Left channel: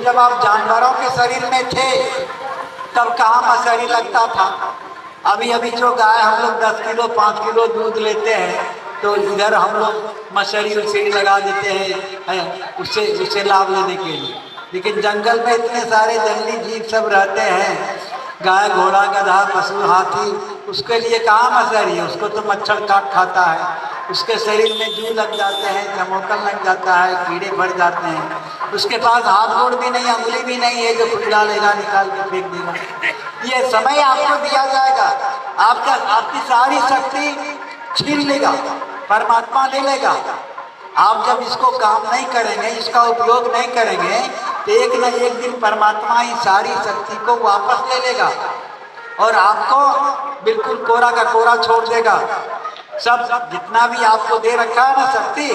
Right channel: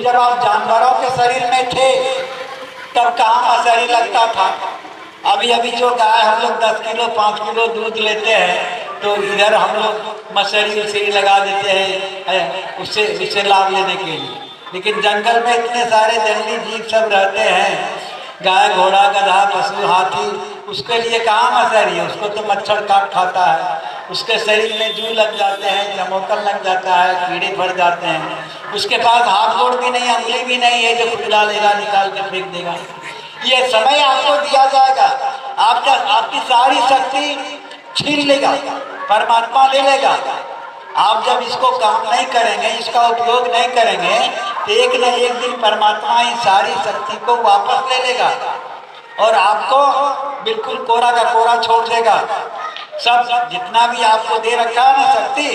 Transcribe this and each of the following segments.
लेकिन जब आप जानवरों के शरीर में थे तब कहाँ मसहरी लगता था। अभी अभी जो गाय हम लोग 10 किलो 5 किलो दूध लेते हैं तो इधर हम लोग मसहरी उसे ही लगा देते हैं उससे लाभ लेने के लिए। लेकिन जंगल में इतने सारे जंगली जीव सब रहते हैं, गाय घोड़ा गधा पशु हाथी, उसके लिए कहाँ मसहरी है। उसको तो मच्छर काट खाता है, उसके शरीर में जू लग जाते हैं, चमोकल लग जाता है, कीड़े भर जाते हैं। उसके पास हाथ गोड़ भी नहीं, उंगली भी नहीं है जो खुजला लेगा निकाल के फेंक देगा। ये समय आपको दिया जाएगा, आपकी सारी शक्ति छीन लेगा, परमात्मा ले लेगा। आप जब इसको काम नहीं करेंगे, इसका उपयोग नहीं करेंगे तो एक न एक दिन परमात्मा ही सारी शक्ति को वापस ले लेगा और आपको बिल्कुल कोरा का कोरा छोड़ देगा। सब जितना भी आपको दे रखा है ना शक्ति,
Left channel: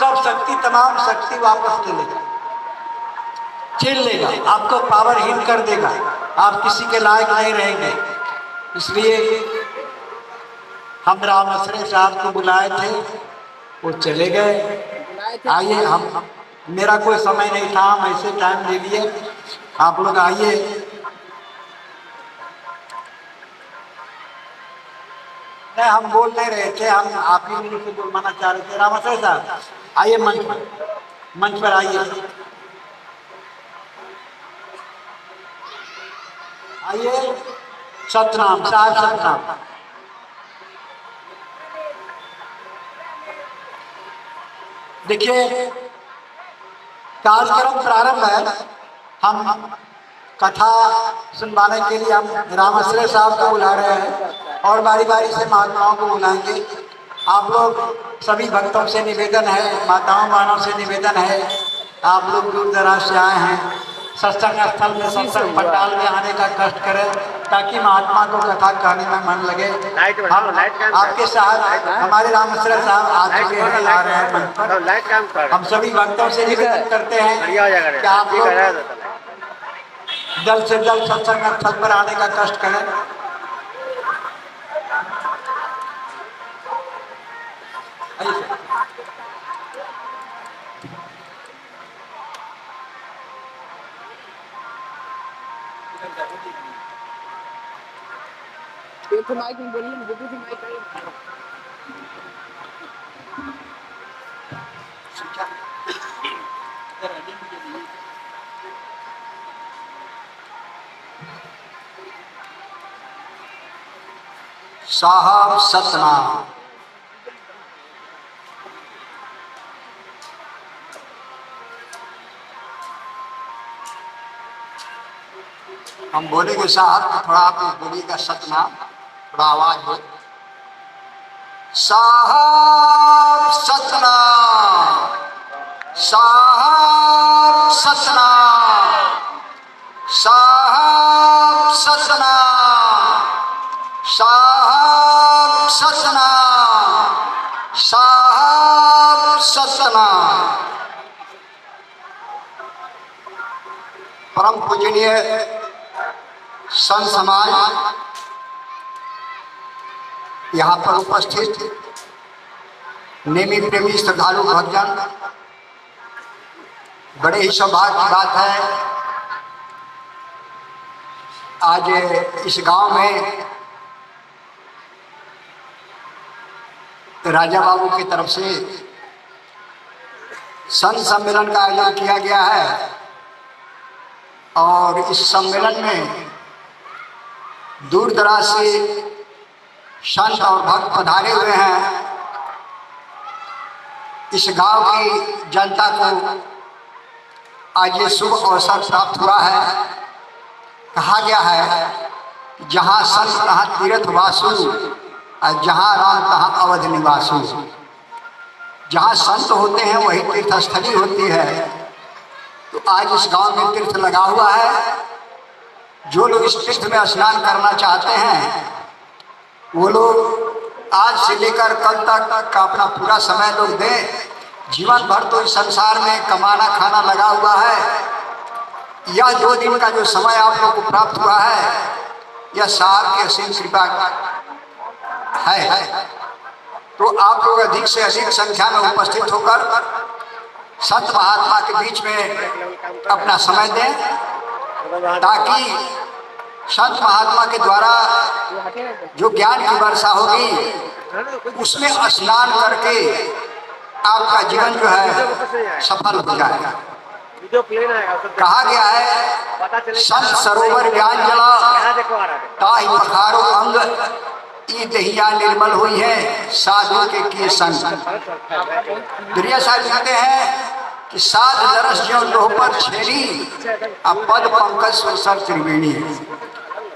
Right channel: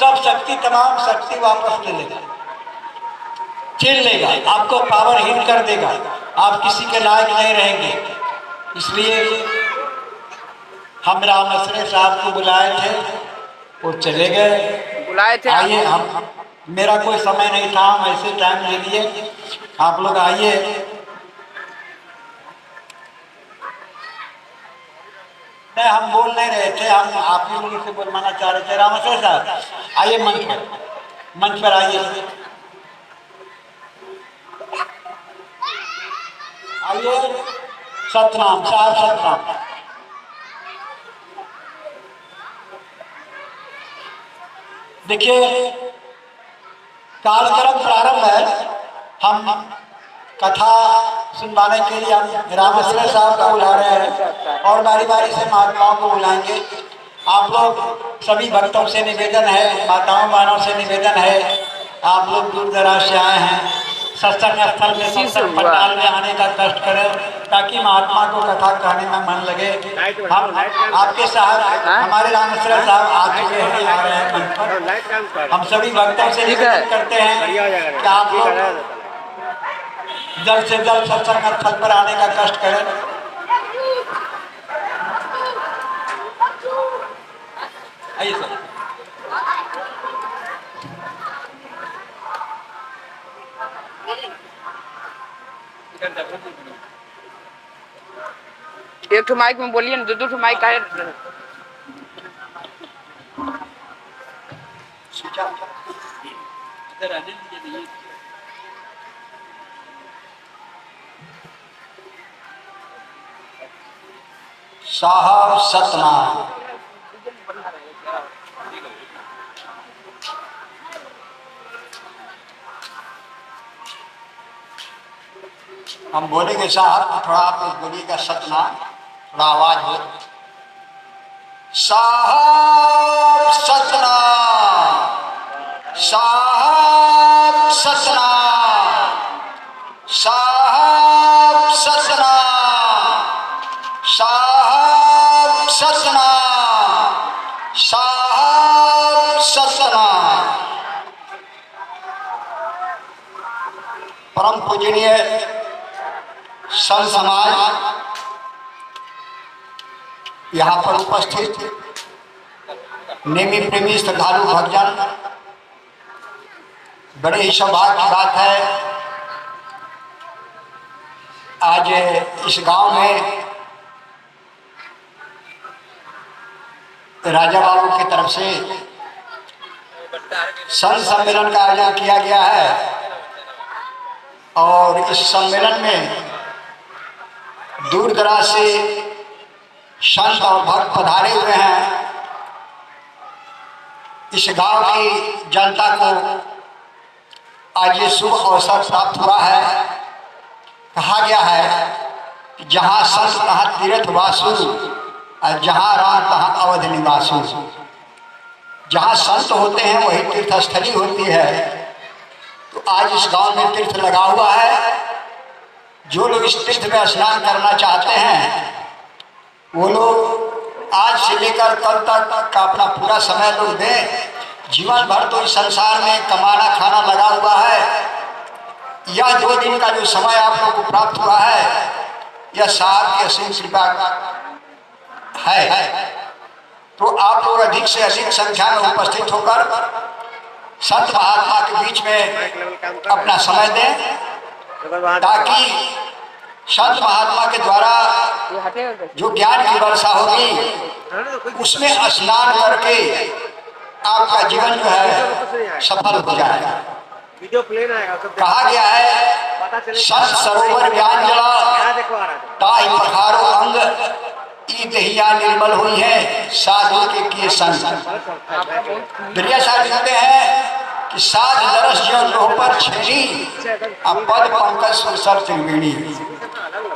सब शक्ति तमाम शक्ति वापस ले लेगा, छीन लेगा, आपको पावरहीन कर देगा, आप किसी के लायक नहीं रहेंगे। इसलिए हम रामश्री साहब को बुलाए थे, वो चले गए, बुलाए थे। आइए, हम मेरा कोई समय नहीं था, हम ऐसे टाइम ले लिए, आप लोग आइए। नहीं, हम बोल नहीं रहे थे, हम आप ही लोग से बोलवाना चाह रहे थे। रामश्री साहब आइए, मंच पर आइए, आइए। सतनाम साहब, सतनाम। देखिए, कार्यक्रम प्रारंभ है। हम कथा सुनवाने के लिए हम रामश्री साहब को बुला रहे हैं और बारी बारी से महात्माओं को बुलाएंगे। आप लोग सभी भक्तों से निवेदन है, माताओं बहनों से निवेदन है, आप लोग दूर दराज से आए हैं, सत्संग स्थल में सत्संग पंडाल में आने का कष्ट करें ताकि महात्मा को कथा कहने में मन लगे। हम आपके साथ हमारे रामश्री साहब आज के आ रहे हैं। हम सभी भक्तों से निवेदन करते हैं कि आप लोग जल्द से जल्द सत्संग स्थल पर आने का कष्ट करें। आइए सर। एक ठो माइक में बोलिए ना, दो ठो माइक है। साहब सतनाम। हम बोलेंगे साहब तो थोड़ा आप बोलिएगा सतनाम, थोड़ा आवाज हो। साहब सतनाम, साहब सतनाम, साहब सतनाम, साहब सतनाम, साहब सतनाम। परम पूजनीय संत समाज, यहाँ पर उपस्थित नेमी प्रेमी श्रद्धालु भक्तजन, बड़े ही सौभाग्य की बात है आज इस गांव में राजा बाबू की तरफ से संत सम्मेलन का आयोजन किया गया है और इस सम्मेलन में दूर दराज से संत और भक्त पधारे हुए हैं। इस गांव की जनता को आज ये शुभ अवसर प्राप्त हुआ है। कहा गया है कि जहाँ संत तहाँ तीर्थ वासु और जहाँ राम तहाँ अवध निवासु। जहाँ संत होते हैं वही तीर्थस्थली होती है। तो आज इस गांव में तीर्थ लगा हुआ है। जो लोग इस तीर्थ में स्नान करना चाहते हैं वो लोग आज से लेकर कल तक का अपना पूरा समय लोग दें। जीवन भर तो इस संसार में कमाना खाना लगा हुआ है। यह 2 दिन का जो समय आप लोग को प्राप्त हुआ है यह साहब की असीम कृपा है। तो आप लोग अधिक से अधिक संख्या में उपस्थित होकर संत महात्मा के बीच में अपना समय दें, ताकि संत महात्मा के द्वारा ये हटेगा कैसे? जो ज्ञान की वर्षा होगी उसमें स्नान करके आपका जीवन जो है सफल हो जाएगा। वीडियो प्लेन आएगा, सब कहा गया है पता चले संत सरोवर ज्ञान जला यहाँ देखो आ रहा है। ताहि पखारो अंग ई दहिया निर्मल हुई है साधु के किए संग। आपका बहुत दुनिया साहब लिखते हैं कि साध दरस जो लोह पर छेड़ी अब पद पंकज सुरसर त्रिवेणी।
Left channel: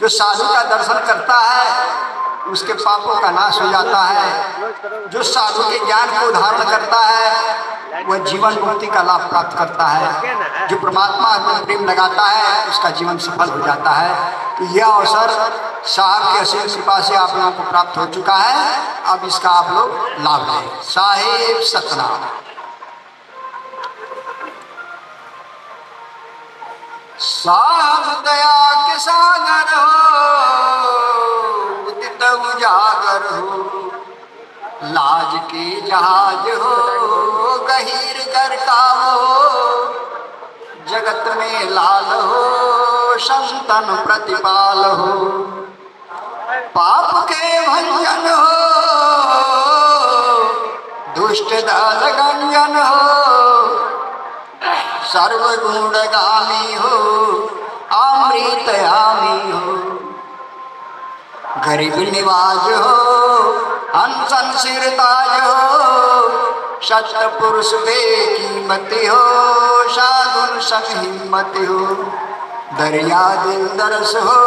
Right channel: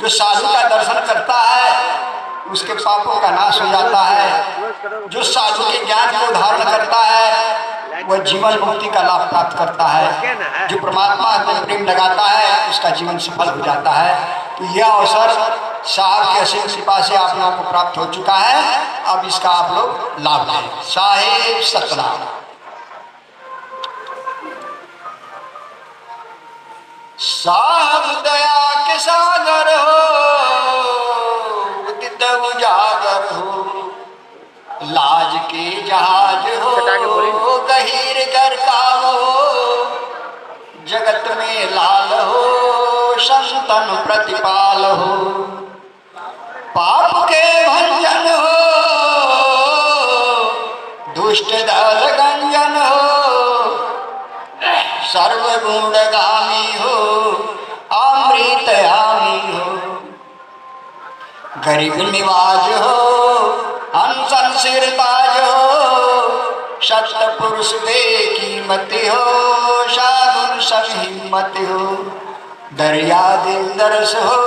जो साधु का दर्शन करता है उसके पापों का नाश हो जाता है। जो साधु के ज्ञान को धारण करता है वह जीवन मुक्ति का लाभ प्राप्त करता है। जो परमात्मा में प्रेम लगाता है उसका जीवन सफल हो जाता है। तो यह अवसर साहब के असीम कृपा से आप लोगों को प्राप्त हो चुका है। अब इसका आप लोग लाभ लें। साहेब सतनाम। साहब दया के सागर हो उदित उजागर हो, लाज के जहाज हो गहीर गरकाव हो, जगत में लाल हो संतन प्रतिपाल हो, पाप के भंजन हो दुष्ट दल गंजन हो, सर्वगुणगामी हो अमृत आमी हो, गरीब निवाज हो हंसन सिरताज हो, सत्य पुरुष बेकीमती हो साधुन संग हिम्मत हो, दरिया दिल दरस हो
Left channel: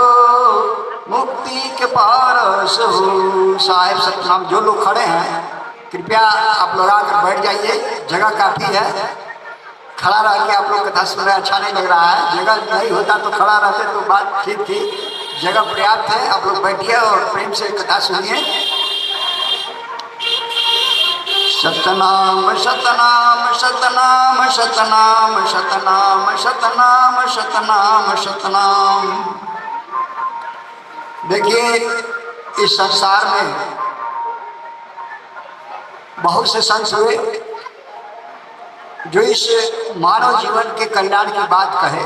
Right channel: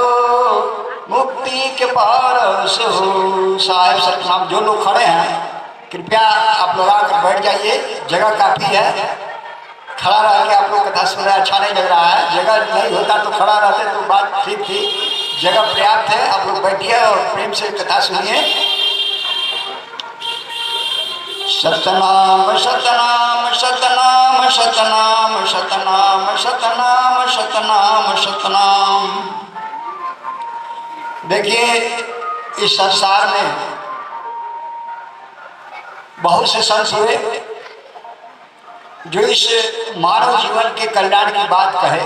मुक्ति के पारस हो। साहेब सतनाम। जो लोग खड़े हैं कृपया आप लोग आकर बैठ जाइए, जगह काफी है। खड़ा रह के आप लोग कथा सुन रहे हैं, अच्छा नहीं लग रहा है। जगह नहीं होता तो खड़ा रहते तो बात ठीक थी। जगह पर्याप्त है, आप लोग बैठिए और प्रेम से कथा सुनिए। सतनाम सतनाम सतनाम सतनाम सतनाम सतनाम सतनाम सतनाम। देखिए इस संसार में बहुत से संत हुए जो इस मानव जीवन के कल्याण की बात कहे।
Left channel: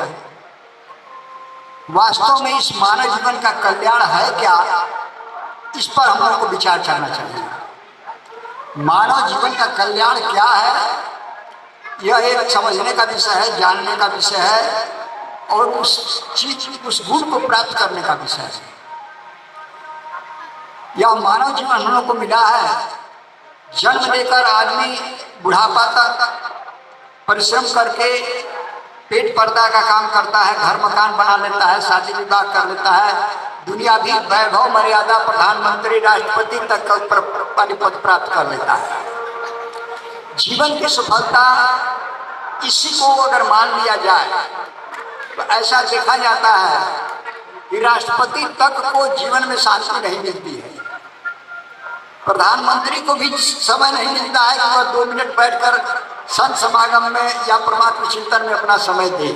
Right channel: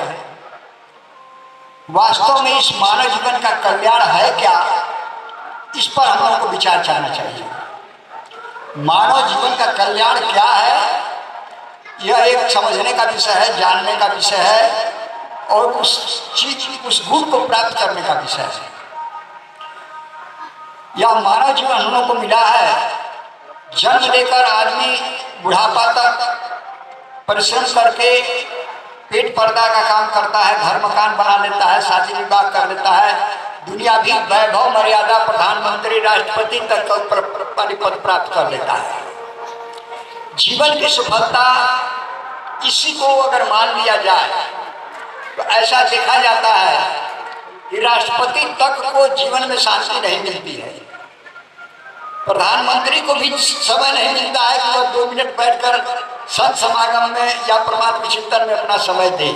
वास्तव में इस मानव जीवन का कल्याण है क्या, इस पर हम लोगों को विचार करना चाहिए। मानव जीवन का कल्याण क्या है, यह एक समझने का विषय है, जानने का विषय है और उस चीज उस गुण को प्राप्त करने का विषय है। यह मानव जीवन हम लोगों को मिला है। जन्म लेकर आदमी बुढ़ापा तक परिश्रम करके पेट पर्दा का काम करता है, घर मकान बना लेता है, शादी विवाह कर लेता है, दुनिया भी वैभव मर्यादा प्रधानमंत्री राष्ट्रपति तक का पद प्राप्त कर लेता है। जीवन की सफलता इसी को अगर मान लिया जाए तो ऐसा देखा जाता है कि राष्ट्रपति तक को जीवन में शांति नहीं मिलती है। प्रधानमंत्री को भी समय नहीं मिलता है कि वह 2 मिनट बैठकर संत समागम में या परमात्मा चिंतन में अपना समय दे।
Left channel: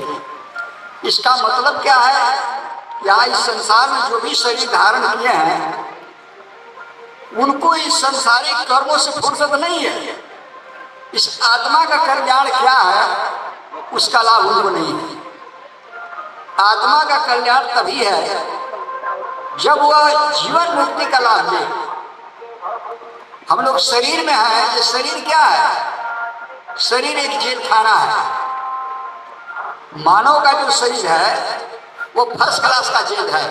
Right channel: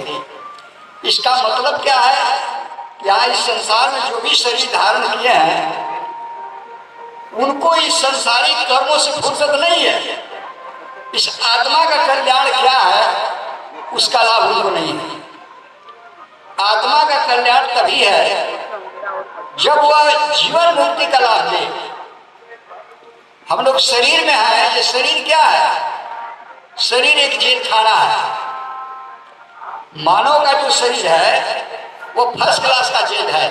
इसका मतलब क्या है कि आज इस संसार में जो भी शरीर धारण किए हैं उनको इस संसारिक कर्मों से फुर्सत नहीं है। इस आत्मा का कल्याण क्या है उसका लाभ उनको नहीं है। आत्मा का कल्याण तभी है जब वह जीवन मुक्ति का लाभ ले। हम लोग शरीर में हैं, ये शरीर क्या है? शरीर एक जेल खाना है। मानव का जो शरीर है वो फर्स्ट क्लास का जेल है।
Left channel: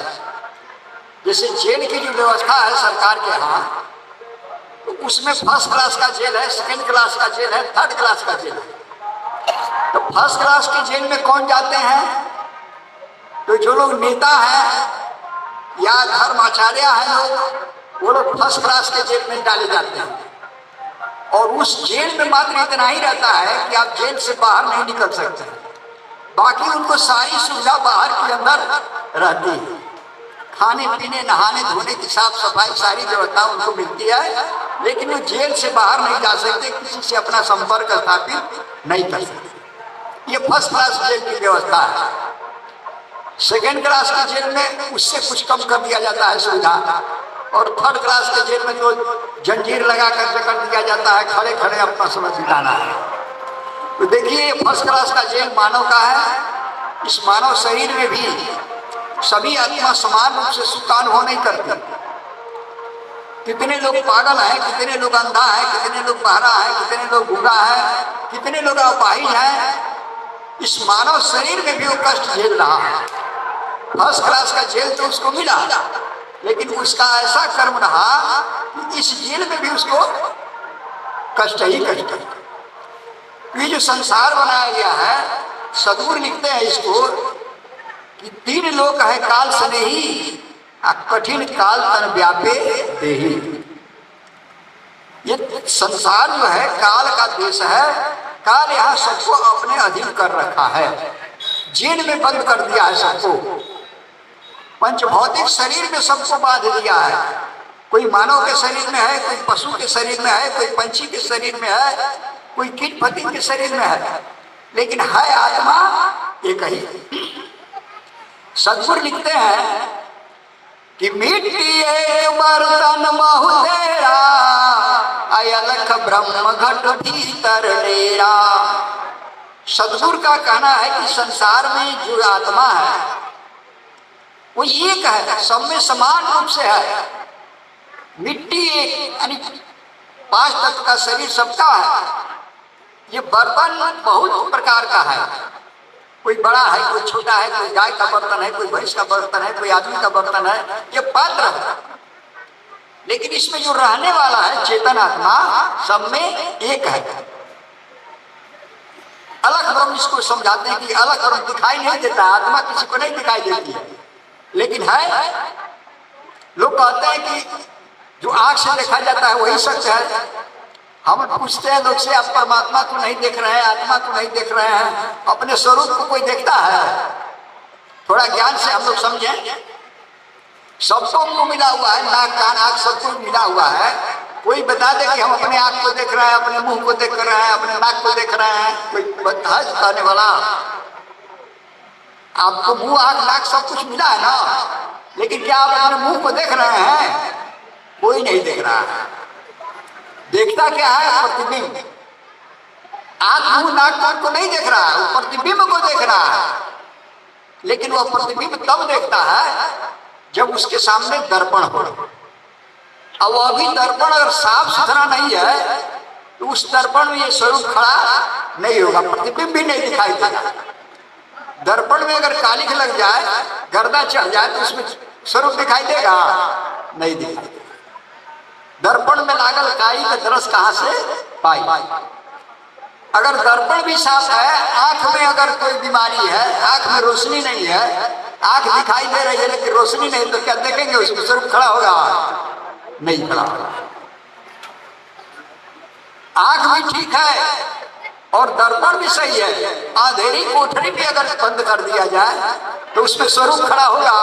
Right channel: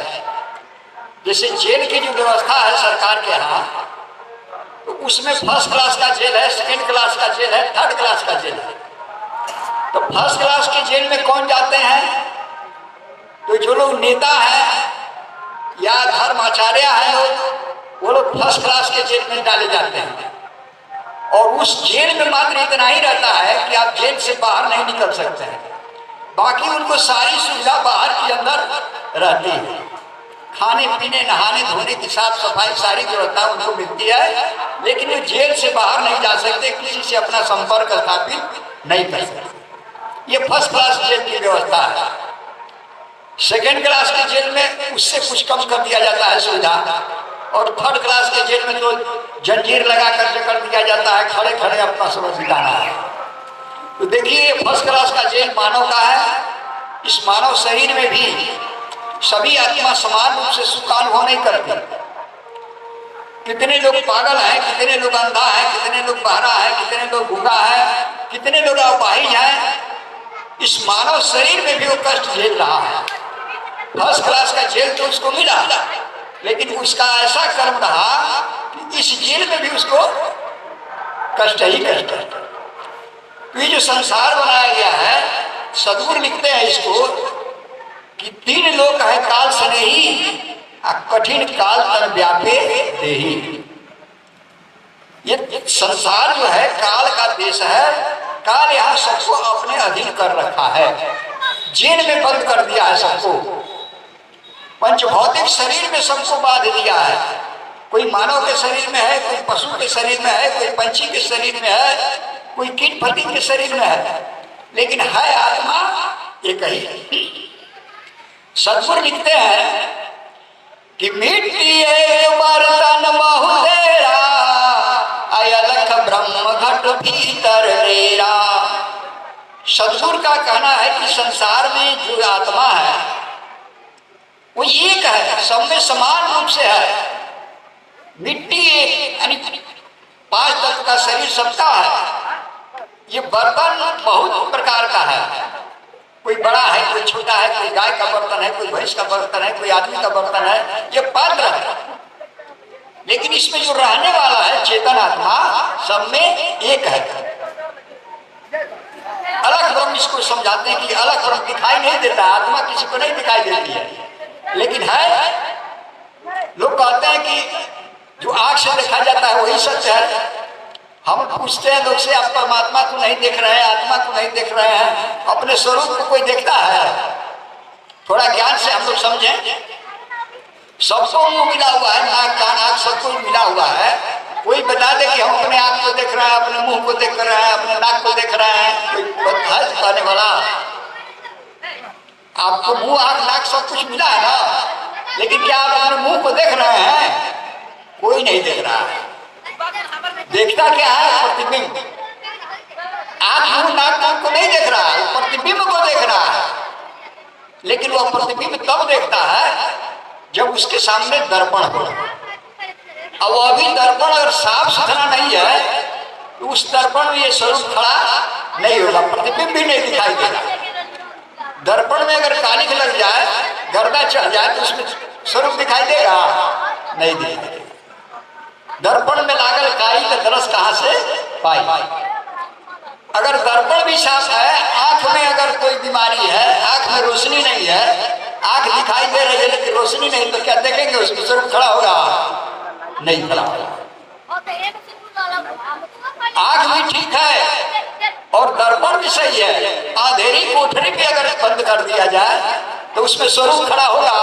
जैसे जेल की जो व्यवस्था है सरकार के यहाँ, तो उसमें फर्स्ट क्लास का जेल है, सेकंड क्लास का जेल है, थर्ड क्लास का जेल है। तो फर्स्ट क्लास के जेल में कौन जाते हैं? तो जो लोग नेता हैं या धर्माचार्य हैं लोग, वो लोग फर्स्ट क्लास के जेल में डाले जाते हैं। और उस जेल में मात्र इतना ही रहता है कि आप जेल से बाहर नहीं निकल सकते हैं। बाकी उनको सारी सुविधा बाहर के अंदर रहती है। खाने पीने नहाने धोने की साफ सफाई सारी व्यवस्था उनको मिलती है, लेकिन वो जेल से बाहर नहीं जा सकते, किसी से अपना संपर्क स्थापित नहीं कर सकते। ये फर्स्ट क्लास जेल की व्यवस्था है। सेकेंड क्लास के जेल में उससे कुछ कम कर दिया जाता है सुविधा, और थर्ड क्लास के जेल में तो जंजीर लगाकर जकड़ दिया जाता है, खड़े खड़े अपना समय बिताना है। तो देखिए फर्स्ट क्लास का जेल मानव का है। इस मानव शरीर में भी सभी आत्मा समान रूप से सुख का अनुभव नहीं करती। कितने लोग पागल हैं, कितने लोग अंधा है, कितने लोग बहरा है, कितने लोग गूंगा है, कितने लोग अपाहिज हैं। इस मानव शरीर में भी वो कष्ट झेल रहा है। फर्स्ट क्लास का जेल तो उसको मिला, लेकिन उसका ऐसा कर्म रहा कि इस जेल में भी उसको कष्ट ही कष्ट है। ये जो संसार बनाया गया है, सदगुरु लिखते हैं इसको कि 3 लोक है काल स्नेही, कठिन काल तन व्यापे देही। ये संसार जो है काल का देश है। काल यहाँ सबको अपने अधीन कर रखा है, जेल में बंद कर दिया है सबको। पंच भौतिक शरीर में सबको बांध दिया है। कोई मानव के शरीर में है, कोई पशु के शरीर में है, कोई पंछी के शरीर में है, कोई कीट पतंग के शरीर में है, लेकिन है आत्मा एक ही। सदगुरु लिखते हैं कि मिट्टी एक बर्तन बहु तेरा, अलख ब्रह्म घट भीतर डेरा। सदगुरु का कहना है कि संसार में जो आत्मा है वो एक है, सब में समान रूप से है। मिट्टी एक यानी 5 तत्व का शरीर सबका है। ये बर्तन बहुत प्रकार का है, कोई बड़ा है, कोई छोटा है, कोई गाय का बर्तन है, कोई भैंस का बर्तन है, कोई आदमी का बर्तन है, ये पात्र है। लेकिन इसमें जो रहने वाला है चेतन आत्मा सब में एक है। अलग ब्रह्म इसको समझाते हैं कि अलग ब्रह्म दिखाई नहीं देता, आत्मा किसी को नहीं दिखाई देती है, लेकिन है। लोग कहते हैं कि जो आंख से देखा जाता है वही सत्य है। हम पूछते हैं लोग से, आप परमात्मा को नहीं देख रहे हैं, आत्मा को नहीं देख रहे हैं, अपने स्वरूप को कोई देखता है? थोड़ा ज्ञान से हम लोग समझें। सबको मुंह मिला हुआ है, नाक कान आंख सब कुछ मिला हुआ है। कोई बता दे कि हम अपने आंख को देख रहे हैं, अपने मुंह को देख रहे हैं, अपने नाक को देख रहे हैं, कोई बता कहने वाला? आपको मुंह आंख नाक सब कुछ मिला है ना, लेकिन क्या आप अपने मुंह को देख रहे हैं? कोई नहीं देख रहा है। देखता क्या है? प्रतिबिंब। आंख मुंह नाक कान को नहीं देख रहा है, वो प्रतिबिंब को देख रहा है। लेकिन वो प्रतिबिंब तब देखता है जब उसके सामने दर्पण हो। अब वो अभी दर्पण अगर साफ सुथरा नहीं है तो उस दर्पण में ये स्वरूप खड़ा नहीं होगा, प्रतिबिंब भी नहीं दिखाई देगा। दर्पण में अगर कालिख लग जाए, गर्दा चढ़ जाए तो उसमें स्वरूप दिखाई देगा? नहीं दिखाई। दर्पण में लागल काई का दरस कहां से पाई? अगर दर्पण भी साफ है, आंख में अगर कोई बीमारी है, आंख में रोशनी नहीं है, आंख दिखाई दे रही है लेकिन रोशनी नहीं, तो क्या देखेंगे उसमें स्वरूप खड़ा होगा? नहीं खड़ा होगा। आंख भी ठीक है और दर्पण भी सही है, अंधेरी कोठरी भी अगर बंद कर दिया जाए तो उसमें स्वरूप खड़ा होगा?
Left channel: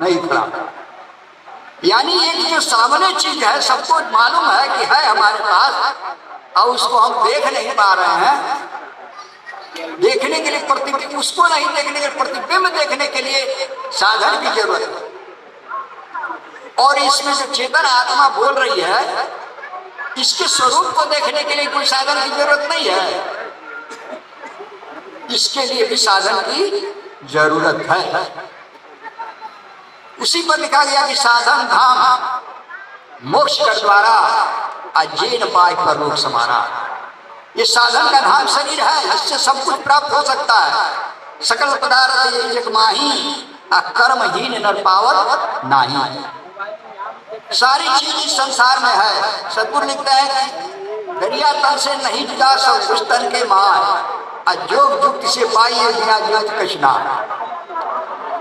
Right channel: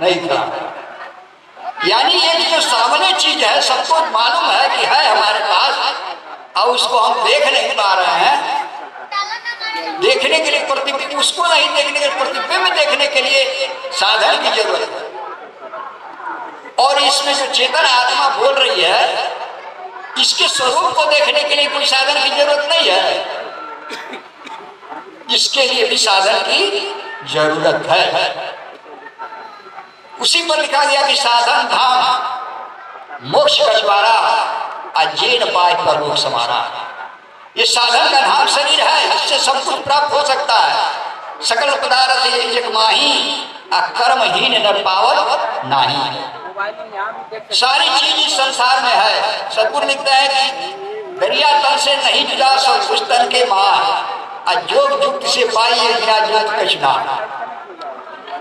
नहीं खड़ा। यानी एक जो सामने चीज है सबको मालूम है कि है हमारे पास, और उसको हम देख नहीं पा रहे हैं। देखने के लिए प्रतिबिंब, उसको नहीं देखने के लिए प्रतिबिंब देखने के लिए साधन की जरूरत है। और इसमें जो चेतन आत्मा बोल रही है, इसके स्वरूप को देखने के लिए कोई साधन की जरूरत नहीं है, इसके लिए भी साधन की जरूरत है। उसी पर लिखा गया कि साधन धाम मोक्ष का द्वारा अजेन पाए परलोक समारा। ये साधन का धाम शरीर है, इससे सब कुछ प्राप्त हो सकता है। सकल पदार्थ एक माही, कर्महीन नर पावत नाही। सारी चीज इस संसार में है। सदगुरु लिखते हैं कि दरिया तल से नहीं जुदा सब कुछ तन के मार, अजोग युक्ति से पाइए बिना जोत कचना।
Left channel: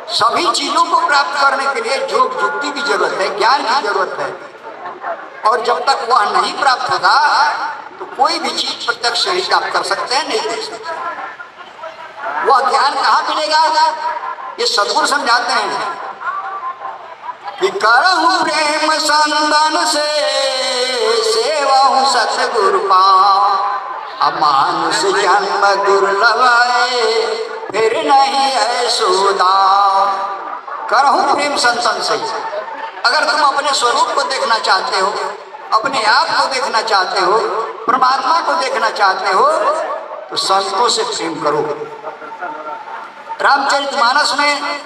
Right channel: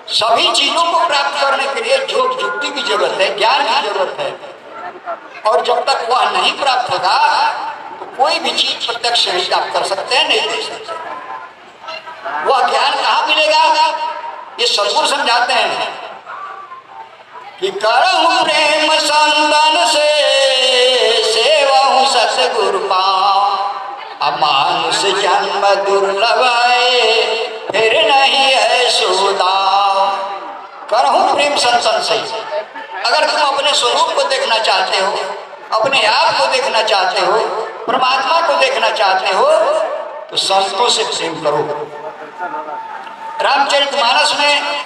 सभी चीजों को प्राप्त करने के लिए योग युक्ति की जरूरत है, ज्ञान की जरूरत है। और जब तक वह नहीं प्राप्त होगा तो कोई भी चीज प्रत्यक्ष नहीं आप कर सकते हैं, नहीं दे सकते। वह ज्ञान कहाँ मिलेगा? ये सदगुरु समझाते हैं कि करहु प्रेम संतन से सेवहु सतगुरु पाओ, अमानुष जन्म दुर्लभ फिर नहीं है सोदा। करहु प्रेम संतन से। अगर तुम अपने स्वरूप को देखना चाहते हो, अपने आप को देखना चाहते हो, परमात्मा को देखना चाहते हो, तो संतों से प्रेम करो। रामचरितमानस में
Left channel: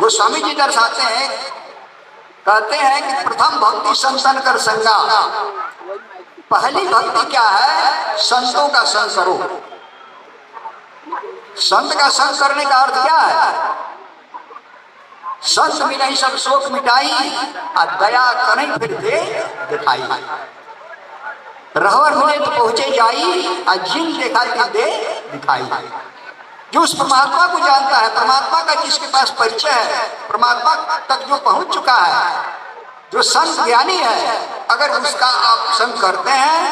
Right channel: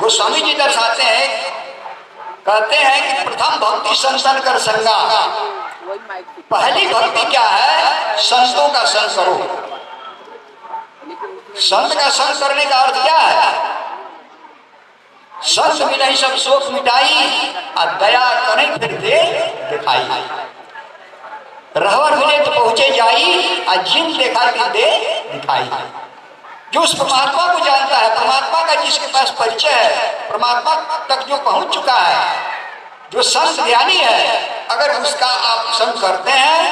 गोस्वामी जी दर्शाते हैं, कहते हैं कि प्रथम भक्ति संतन कर संगा। वही माइक से पहली भक्ति क्या है? संतों का संग करो। संत का संग करने का अर्थ क्या है? संत मिले सब शोक मिटाई, और दया करें फिर दे दिखाई। रहवर मिले तो पहुंचे जाई, और जिन देखा कि दे दिखाई। जो उस परमात्मा को जानता है, परमात्मा का जिसके पास परिचय है, परमात्मा तक जो पहुंच चुका है, जो संत ज्ञानी है, अगर उसका आप संग करते हैं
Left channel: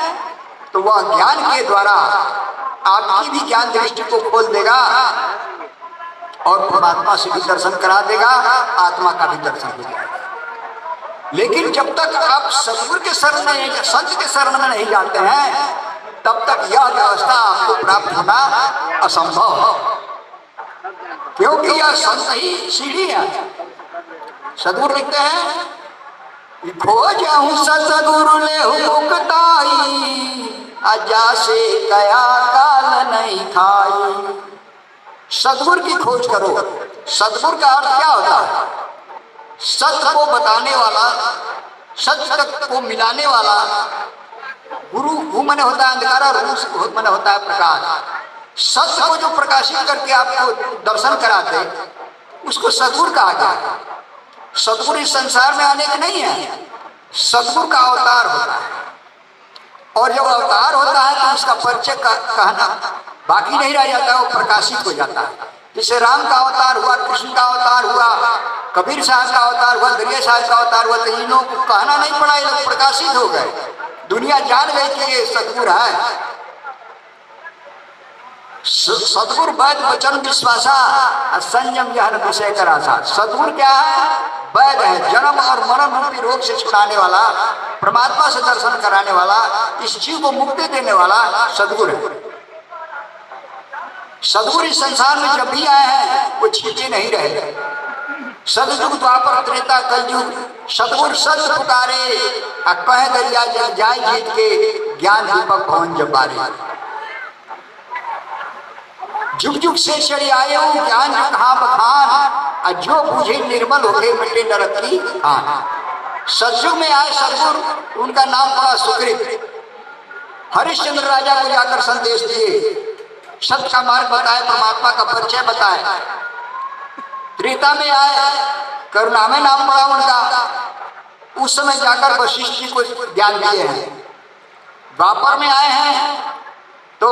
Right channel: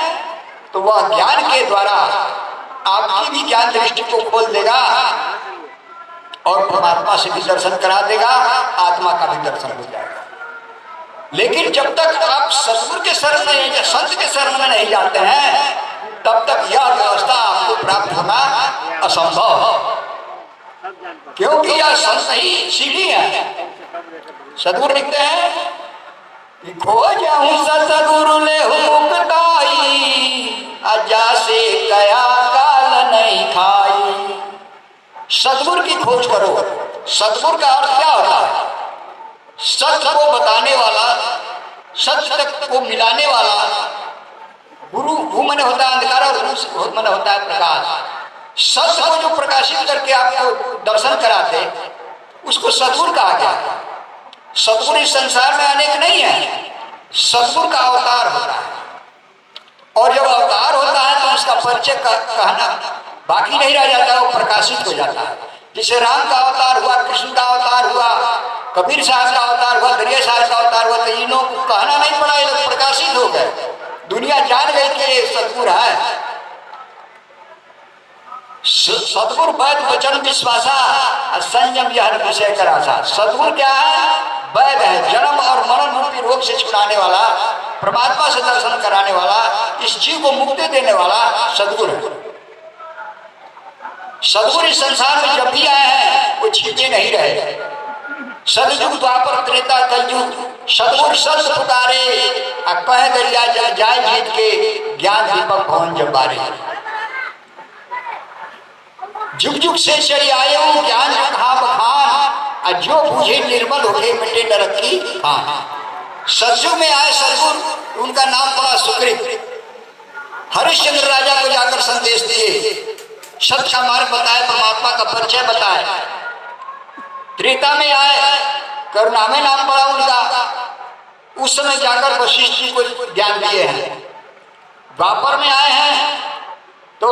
तो वह ज्ञान के द्वारा आपकी भी ज्ञान दृष्टि को खोल देगा और परमात्मा से भी दर्शन करा देगा, आत्मा का भी दर्शन हो जाएगा। लेकिन जब तक आप सतगुरु के शरण में, संत के शरण में नहीं जाते हैं, तब तक यह व्यवस्था आपको प्राप्त होना असंभव, क्योंकि यह संत ही सीढ़ी है। सतगुरु लिखते हैं, खोजहूं सतगुरु लेहु मुक्ताई, अजा से कया काल नहीं खाई। सतगुरु की खोज करो। सतगुरु का अर्थ क्या होता है? सत्य को बताने वाला, सत्य तक को मिलाने वाला। गुरु भू मन होता है अंधकार और रूह मन होता है प्रकाश। सत्य को जो प्रकाशित करके आपको दर्शन कराते, उसको सतगुरु कहा गया। सतगुरु इस संसार में अनेक नहीं है, सतगुरु का अवतार होता है। और जब अवतार होता है तो उसका परिचय कहना बाकी नहीं रह जाता, वो प्रकाशित हो जाता है। जैसे राम का अवतार हुआ, कृष्ण का अवतार हुआ, कबीर साहब का अवतार हुआ, दरिया साहब का अवतार हुआ, तो इन्हों को कहना नहीं पड़ा, ये लोग प्रकाशित हो गए। दुनिया जान गई कि ये सतगुरु है। सतगुरु वैद वचन विश्वासा, संयम यह विषय करासा। सतगुरु क्या है? वैद है, जन्म और मरण रूपी रोग से छुड़ाने वाला, परमात्मा से दर्शन कराने वाला, इस जीव को मुक्ति देने वाला सतगुरु है। सतगुरु इस संसार में जब भी आए हैं वो छिपे नहीं रहे। सतयुग द्वापर त्रेता कलयुग, सतगुरु सत्य पुकारे, कहे दरिया जल जाए जीत के, ज्ञान दीपक भवन जब बारे। जुग जुग से चली आए हो ज्ञान कहाँ बखान, जो बुझे निर्मल होके मिटे नरक की हाँ। सतयुग में आए सतगुरु, उनका नाम पड़ा सुकृत। हरिश्चंद्र राजा को जाकर संदेश दिए, सत्य का मार्ग बताए, परमात्मा का परिचय बताए। त्रेता में आए, करुणा में नाम पड़ा उनका, उस समय जाकर वशिष्ठ जी को ज्ञान दिए हैं। द्वापर में आए हैं तो